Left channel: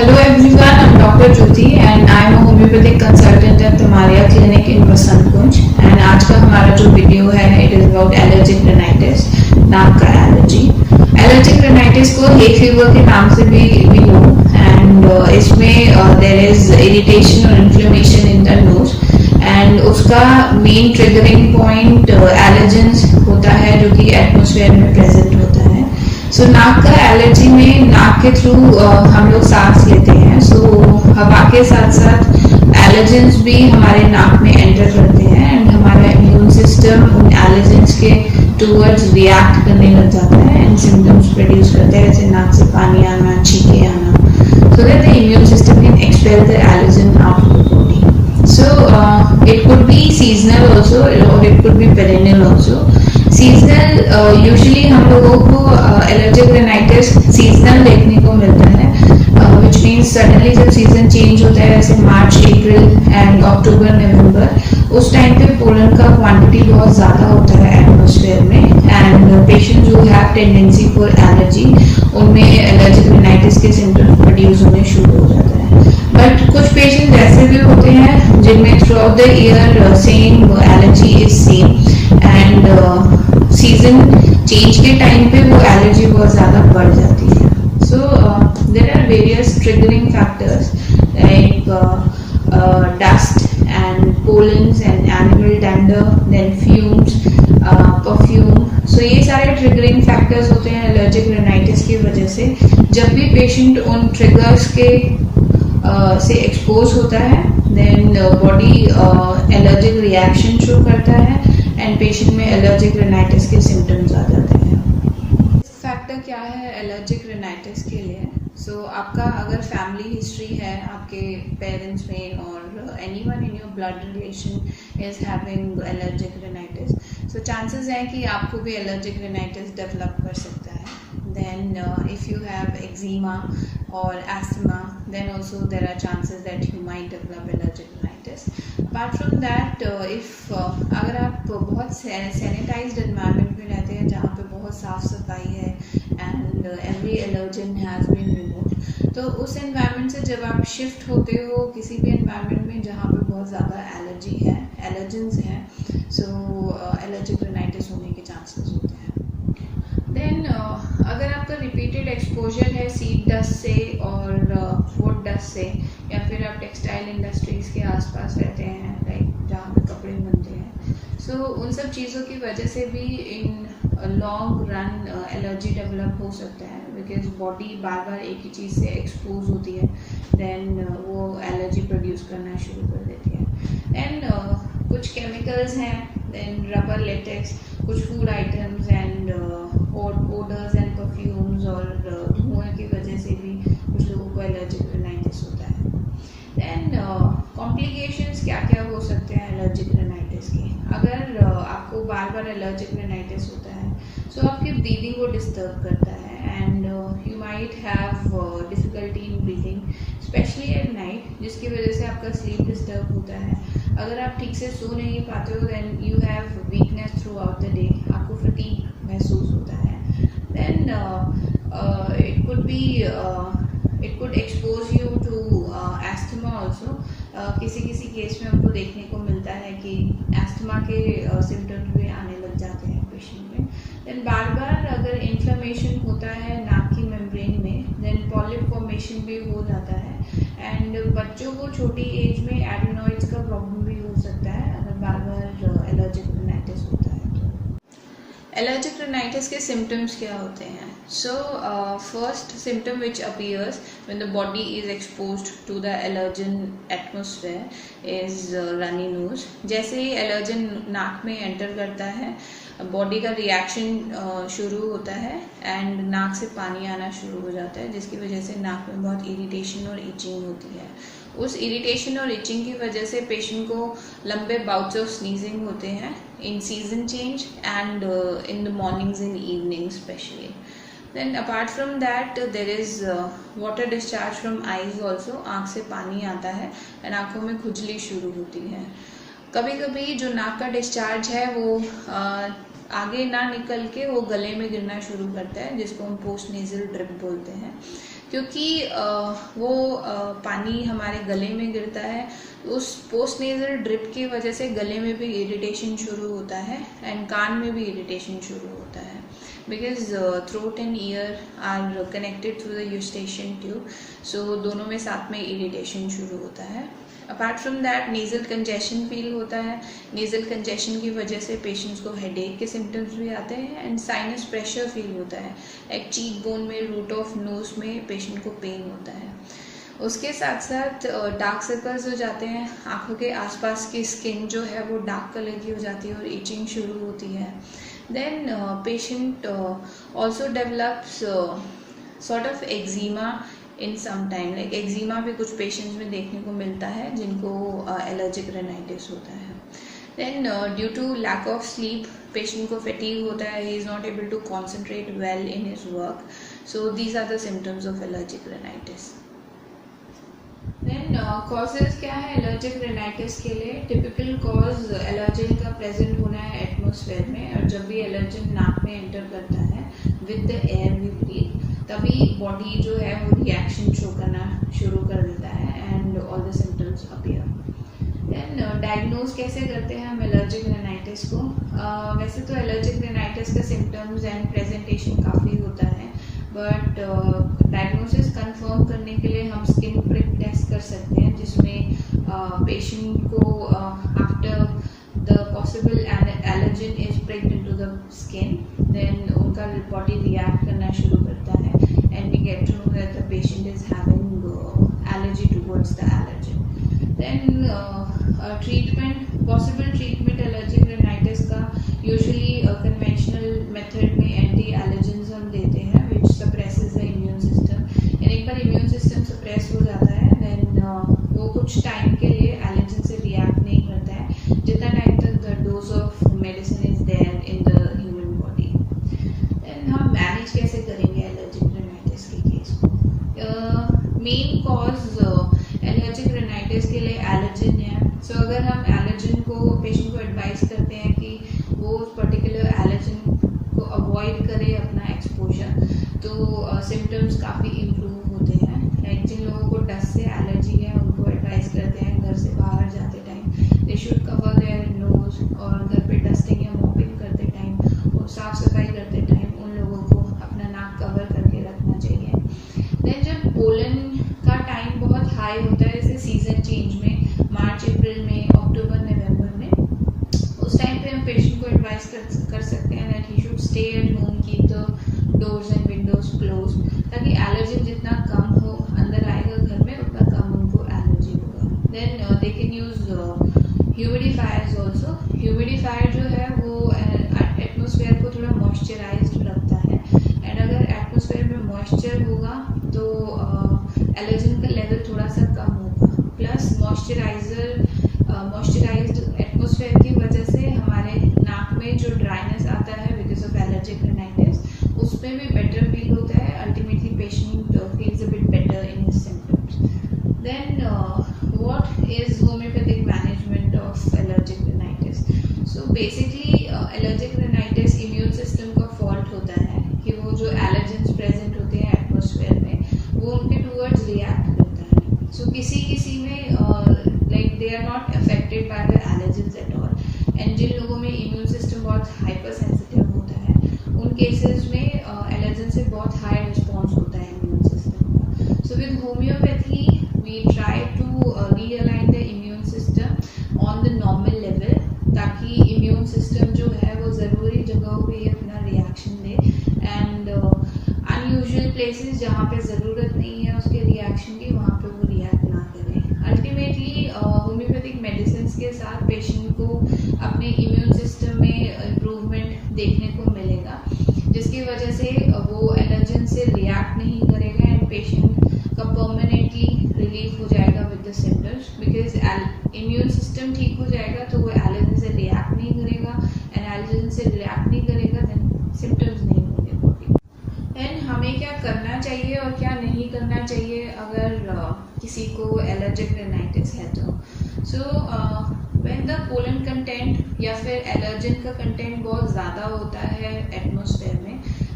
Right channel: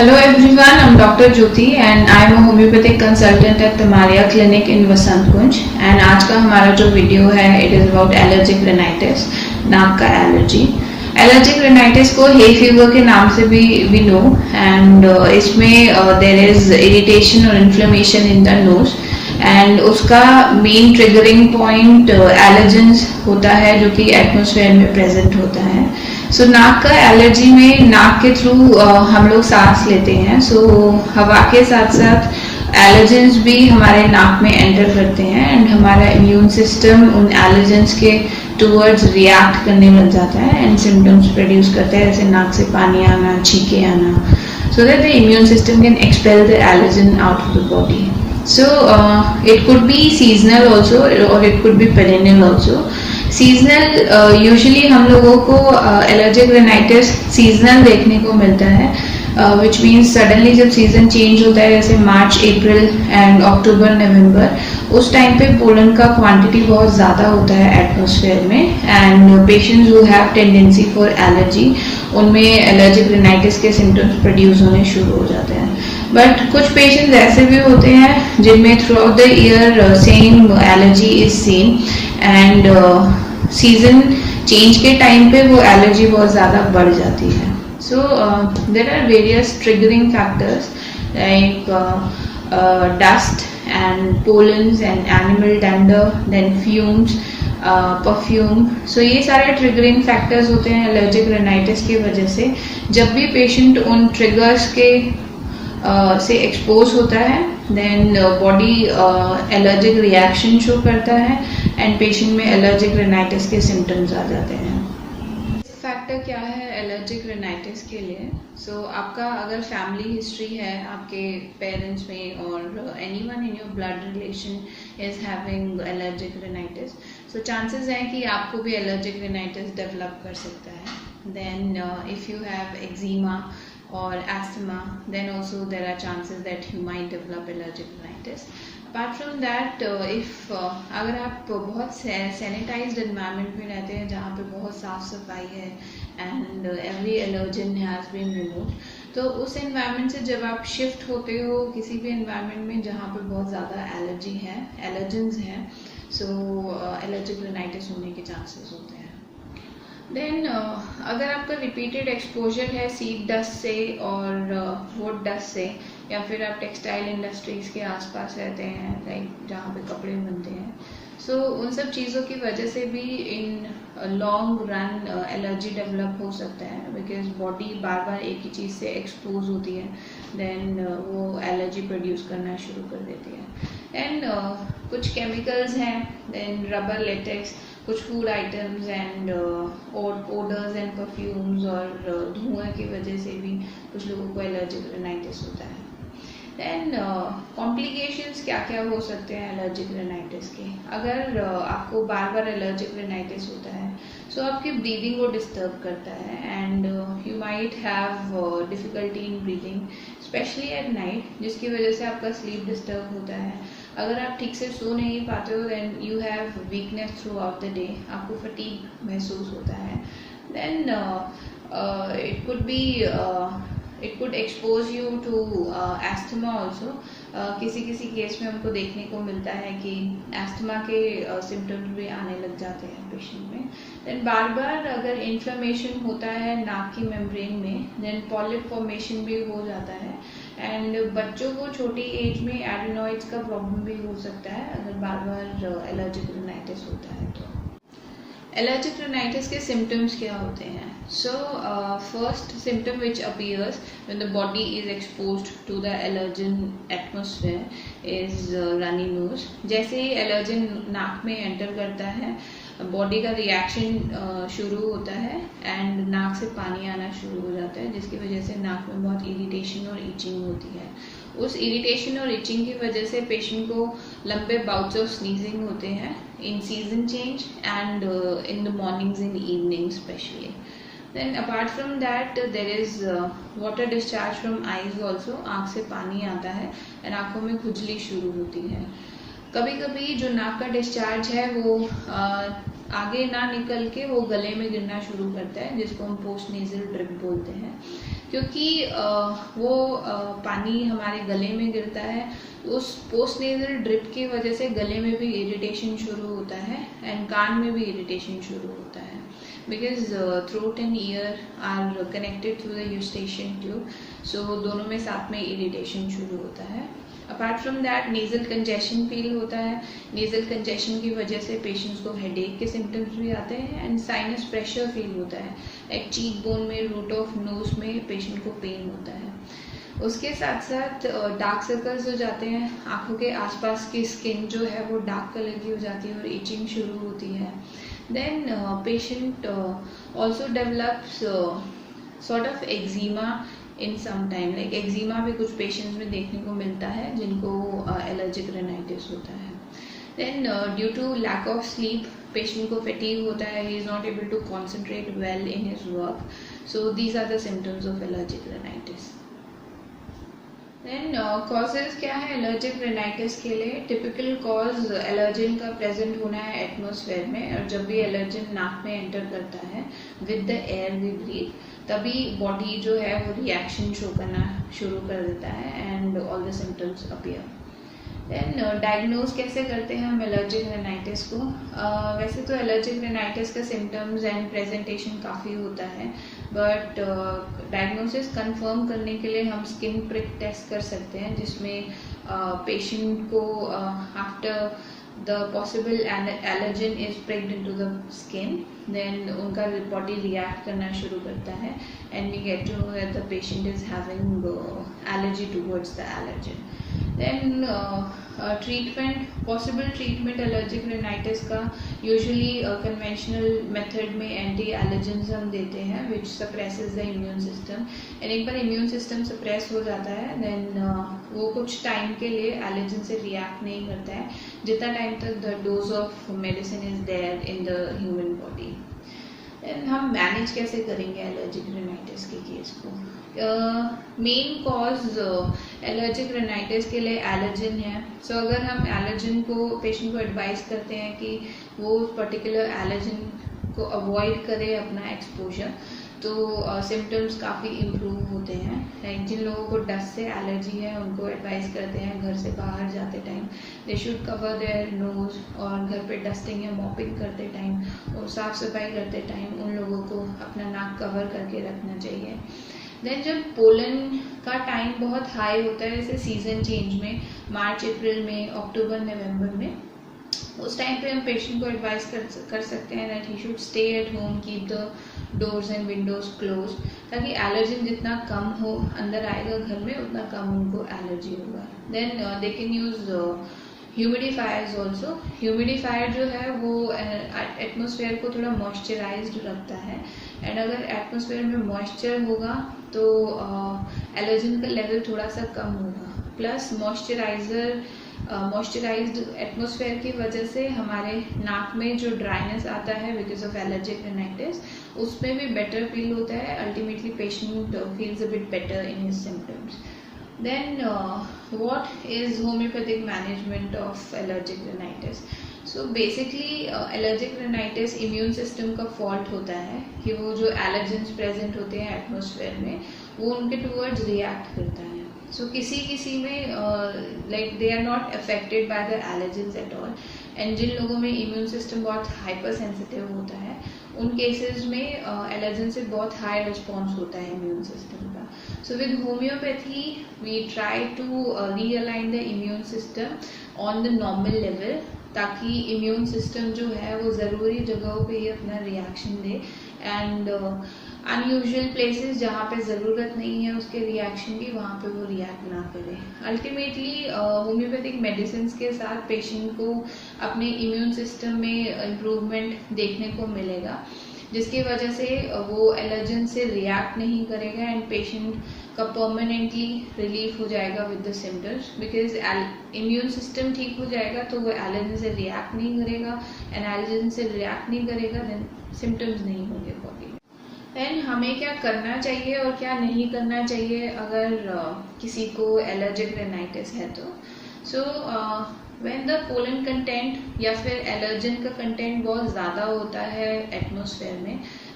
Hello everyone, I'm Dr. Jyoti and I'm a homeopathic consultant at Tamaria Clinic in Vasant Kunj. And आज का हमारा जो video है it is about allergic rhinitis, नाक का allergy. Allergic rhinitis को hay fever के नाम से भी we know and इसमें there is irritation और inflammation in the nose and उसका main triggering point allergens होता है जो कि atmosphere में present होता है. सो नाक का एलर्जी में नाक के थ्रू हम लोग सांस लेते हैं. सो हवा के साथ साथ एलर्जेंस भी हमारे नाक में एंटर करते हैं एंड हमारा इम्यून सिस्टम उन एलर्जेंस के टूवर्ड्स रिएक्ट करने लग जाता है एंड सिम्टम्स प्रोड्यूस करते हैं जैसे नाक से पानी आना, छींके आना, so that the immune system can expel the allergen out of the body. So it could be seasonal also or it could be perennial also. Seasonal usually हम लोगों को allergic rhinitis seasonal देखने को मिलता है, which means suddenly जब season change होता है जैसे मार्च, अप्रैल एंड अक्टूबर, नवंबर, उस टाइम पे पोलन का क्वांटिटी बहुत ज़्यादा होता है एटमॉस्फेयर में and patients who have tendency for allergy उनमें एलर्जिक rhinitis के सिम्टम्स प्रोड्यूस होने शुरू हो जाते हैं. बट कुछ पेशेंट्स ऐसे भी होते हैं जिनमें through out the year same allergy is same and season change के टाइम पे वो एलर्जी बहुत ज़्यादा बढ़ जाती है. So there are various triggering factors like dust and pollens and animal dander, then fumes, perfume. So ये सारे triggering factors होते हैं allergic rhinitis की वजह से. जब भी patient उन triggers के से एक्सपोज होता है then body allergic reaction show करता है एंड पेशेंट में एलर्जिक rhinitis के सिम्टम्स आ जाते हैं. फैक्टर क्या है एलर्जिक rhinitis के लिए? सो आपका अगर फैमिली हिस्ट्री है आपके पेरेंट्स में और anyone in your blood relation is having allergic rhinitis, so chances हैं कि आपको भी एलर्जिक rhinitis डेवलप कर सकता है. Then if you have eczema or asthma, then also there are chances that you might develop allergic rhinitis. Apart from that, if अगर आप बहुत sanitized environment में रहते हैं जहाँ पे बहुत साफ़ सफाई है and every allergen has been removed, तो उस environment से जब आप shift होते हो किसी भी environment में जहाँ पे बहुत ज़्यादा allergy है, allergens हैं, so allergic rhinitis होने के chances होते हैं. देन अगर आपका रिपीटेड एक्सपोजर है सीड डस्ट से और वुड डस्ट से या फिर आप टेक्सटाइल इंडस्ट्रीज़ के आसपास रहते हैं लाइक जहाँ पे कपड़े बनते हैं, सो उन सब चीज़ों की वजह से भी in long run allergy develop हो सकता है बिकॉज बॉडी बार बार एक ही चीज़ से एक्सपोज होती है देन वो एलर्जी प्रोड्यूस करना शुरू कर देती है. एंड कुछ केमिकल्स हैं देन रबर लेटेक्स, कुछ food items and odours and perfumes और धुएं की वजह से भी कुछ लोगों को एलर्जिक rhinitis होता है. देन कॉम्प्लिकेशंस क्या क्या हो सकते हैं एलर्जिक rhinitis के? अगर आपको बार बार एलर्जिक rhinitis होता है सो आपकी ब्रीदिंग को डिस्टर्ब करता है and you might have difficulty in breathing specially at night, जिसकी वजह से आपका स्लीप डिस्टर्ब होता है. अगर आप ठीक से सो नहीं पाते हो then you have weakness through out the day, आपको फटीग महसूस होता है. Then it could expose you to asthma also. किसी केस में हमको देखने को मिलता है कि एस्थमा के सिम्टम्स भी आने लग जाते हैं पेशेंट में. देन बार बार अगर इन्फ्लेमेशन होता है नाक की मेम्ब्रेन में देन पॉलिप फॉर्मेशन भी हो जाता है एंड बच्चों को छोटी एज में एडेनॉइड्स का प्रॉब्लम भी हो सकता है अगर बार बार एलर्जिक rhinitis होता है. एलर्जिक rhinitis के सिम्टम्स क्या होते हैं? So first symptom which appears when the body is exposed to the allergen atmosphere is runny nose. जैसे ही एलर्जन नाक में एंटर करता है बॉडी का रिएक्शन शुरू होता है एंड नाक से पानी आना शुरू हो जाता है जिसकी वजह से नाक में बहुत इरिटेशन और इचिंग होती है. उस इरिटेशन और इचिंग की वजह से पेशेंट को लंबे बाउट्स ऑफ स्नीजिंग होते हैं इन season change and in the mornings in evening specially. Then apart from that there is water discharge from eyes also, आँख से पानी आता है एंड आँखों में खुजली शुरू होती है. कभी कभी जो नाक का डिस्चार्ज है वो आगे ना निकल के वो गले में गिरना शुरू करता है जिसको हम पोस्ट नेजल ड्रिप बोलते हैं. क्योंकि वो पानी हमारे गले में गिरता है, उस पोस्ट नेजल ड्रिप की वजह से गले में भी इरिटेशन शुरू होता है एंड कान में भी इरिटेशन शुरू होता है, because throat and year are connected through the Eustachian tube, सो दोनों में साथ में इरिटेशन शुरू होता है। Apart from that nasal congestion feel होता है। नेज़ल कंजेशन की वजह से पेशेंट्स को हेडेक के सिम्टम्स भी आते हैं एंड साइनस प्रेशर फील होता है, एक चीक बोन में, रूट ऑफ नोज में पेशेंट को पेन होता है। उसके साथ साथ डार्क सर्कल्स हो जाते हैं, आँखों के आसपास की स्किन जो है वो डार्क कलर की हो जाती है और इचिंग शुरू होती है। Then patient also develops sort of eczema in some time, like eczema भी कुछ पेशेंट्स में देखने को मिलता है जिनको एलर्जिक रेनाइटिस होता है। Then due to lack of sleep patient को फैटीग होता है, he is not able to concentrate well in his work, so these are the symptoms of allergic rhinitis. Then causes क्या है एलर्जिक रेनाइटिस के लिए? Typical cause allergen का present होना है एटमॉस्फेयर में, और जब भी एलर्जन नाक में एंटर करता है with the air we breathe, तभी बॉडी जो है वो रिएक्शन शो करना शुरू कर देता है and all the symptoms appear. Then diagnose कैसे करते हैं हम एलर्जिक रेनाइटिस को? वैसे तो एलर्जिक रेनाइटिस का सिम्टम्स एंड प्रेजेंटेशन काफ़ी होता है, बट डायग्नोसिस कंफर्म करने के लिए हम स्किन प्रिक टेस्ट कर सकते हैं, जिसमें पेशेंट को after the possible allergen is pricked into the skin, then उनका बॉडी रिएक्ट करना शुरू करता है and we get to know that the patient is having allergy towards the allergen. Then treatment, possible treatment allergic rhinitis का usually conventional method में anti allergens हम देते हैं which suppresses the immune system, and एक बार immune system suppress हो जाता है then वो कुछ टाइम के लिए allergen से react नहीं करता है जितना टाइम तक the dose of medicine is there in the human body. Then हम manage कैसे करेंगे allergic rhinitis के केस को? मेन कॉज एलर्जिक रेनाइटिस के लिए एलर्जन है, सो अगर हम एलर्जन को पेशेंट को एडवाइस करते हैं कि वो पर्टिकुलर एलर्जन को अवॉइड करे अपना एक्सपोजर, तो सिम्टम्स काफ़ी इम्प्रूव होते हैं। लाइक जिन लोगों को डस्ट से एलर्जी है उनको एडवाइस करते हैं घर से बाहर जाते time they should cover their nose, और घर पे डस्टिंग या मॉपिंग करते टाइम और साफ़ सफाई करते टाइम उन लोगों को अपना नाक कवर करके रखना चाहिए। देन जब पोलन का टाइम बहुत हाई होता है, जैसे सीज़न चेंज में मार्च अप्रैल में, अक्टूबर नवंबर में, उस टाइम पे हम पेशेंट को एडवाइस कर सकते हैं that he should stay at home, keep the doors and Windows close, ताकि एलर्जन जितना कम हो अंदर आएगा घर में उतना कम उनको एलर्जी होगा। Then they can use humidifiers also. Humidifier जो है वो एटमॉस्फेयर को थोड़ा मॉइस्चराइज्ड रखता है, एंड अगर एटमॉस्फेयर में मॉइस्चर होगा तो एलर्जन का लेवल थोड़ा सा कम होगा। प्लस मॉइस्चराइज्ड एटमॉस्फेयर की वजह से हमारे नाक में जो ड्राइनेस आता है बिकॉज ऑफ एलर्जिक रेनाइटिस, उसमें भी बेटर फील होता है। Ultimately patient feels a bit better in his symptoms. Then what is homeopathic management of allergic rhinitis? So basically allergic rhinitis immune system का फॉल्ट होता है कि वो जो एलर्जेंस प्रेजेंट होते हैं एटमॉस्फेयर में वो उनके टूवर्ड्स रिएक्ट करता है। सो किसी में like they are not affected by the allergens at all, and जिन लोगों में इम्यून सिस्टम बहुत हाइपर सेंसिटिव होता है उन केसेस में एलर्जन से बहुत हाई रिस्पॉन्स होता है इम्यून सिस्टम का। So with homeopathy we try to realign the immune system on the normal level, ताकि इम्यून सिस्टम जो है वो ज़रूरी जगहों पे ही अपना reaction they, and unusual places जहाँ पे ज़रूरत नहीं है उसके रिएक्शन की वहाँ पे वो रिएक्ट ना करे। अल्टीमेटली होम्योपैथिक मेडिसिन के साथ पेशेंट को अपने इम्यून सिस्टम में इम्प्रूवमेंट देखने को मिलेगा, जिसकी वजह से वो एलर्जन से रिएक्ट नहीं करेगा एंड पेशेंट का परमानेंटली रिलीफ हो जाएगा with the symptoms, because immune system ठीक हो जाएगा तो वो एलर्जन से रिएक्ट नहीं करेगा, एंड एलर्जन से रिएक्ट नहीं करेगा देन सिम्टम्स नहीं होंगे बॉडी। देन हमें क्या करना चाहिए और क्या नहीं करना चाहिए अगर किसी को एलर्जिक रेनाइटिस है तो? So when the pollen content या फिर एलर्जन का कंटेंट बहुत ज़्यादा होता है एटमॉस्फेयर में,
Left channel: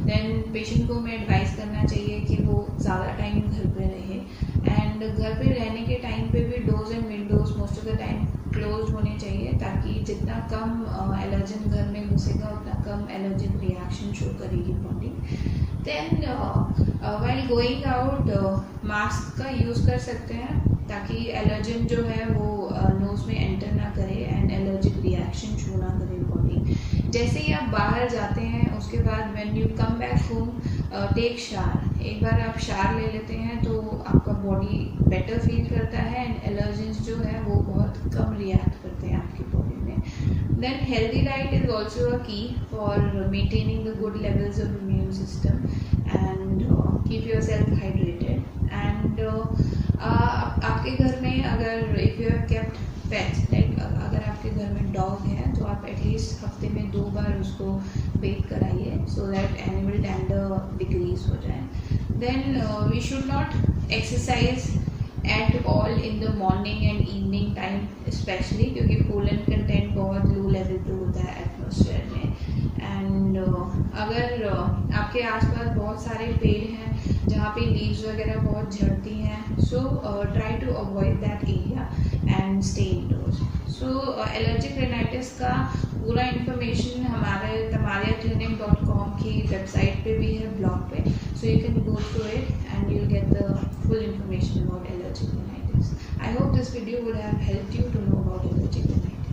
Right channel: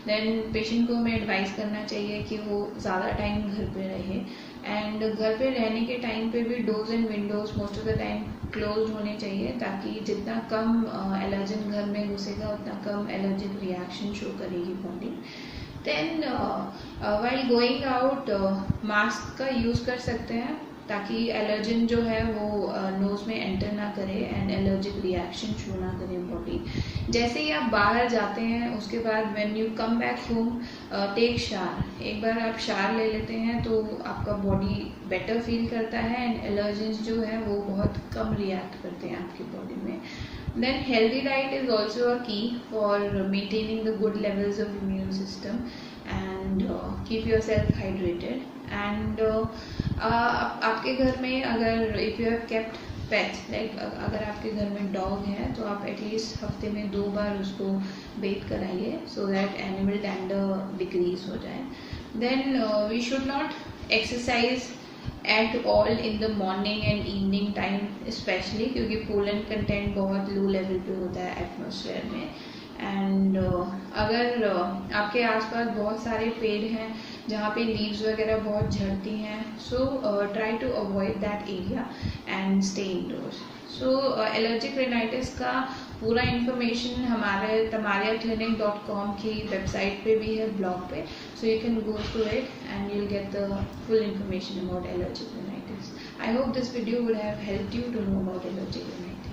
देन पेशेंट को हमें एडवाइस करना चाहिए कि वो ज़्यादा टाइम घर पे रहे, एंड घर पे रहने के टाइम पे भी doors and Windows most of the time close होने चाहिए, ताकि जितना कम एलर्जन घर में घुसेगा उतना कम एलर्जिक रिएक्शन शो करेगी body. Then while going out mask का यूज़ कर सकते हैं, ताकि एलर्जन जो है वो नोज़ में एंटर ना करे एंड एलर्जिक रिएक्शन शो ना करे बॉडी। जैसे ही आप बाहर जाते हैं उसके बाद when you come back home take shower, एक बार आप शावर ले लेते हैं तो आपका बॉडी बेटर फील करता है एंड एलर्जेंस जो है वो बहुत कम रिएक्ट करते हैं आपकी बॉडी में। Then healthy diet is also a की for maintaining the good levels of immune system and keep your self hydrated. And आपके घर में अगर if you have kept pets, like अगर आपके घर में डॉग है तो आप एटलीस्ट हफ्ते में 2 बार उसको बेथ कराइए, so that animal dander decrease हो जाए। Then we should not exercise at all in the morning and evening time specially, क्योंकि पोलन कंटेंट बहुत लो लेवल पे होता है एटमॉस्फेयर में। एंड अगर आपके आसपास बहुत सारे पेड़ हैं जहाँ पे लीव्स वगैरह बहुत झड़ती हैं, so try to avoid that area and stay endorse. So allergic rhinitis का पूरा इन्फॉर्मेशन हमारे tamariaclinic.com की वेबसाइट पे भी है, ब्लॉग पे, so you can go through it and you'll get the full information about allergic rhinitis. I hope this video would have helped you to know about allergic rhinitis.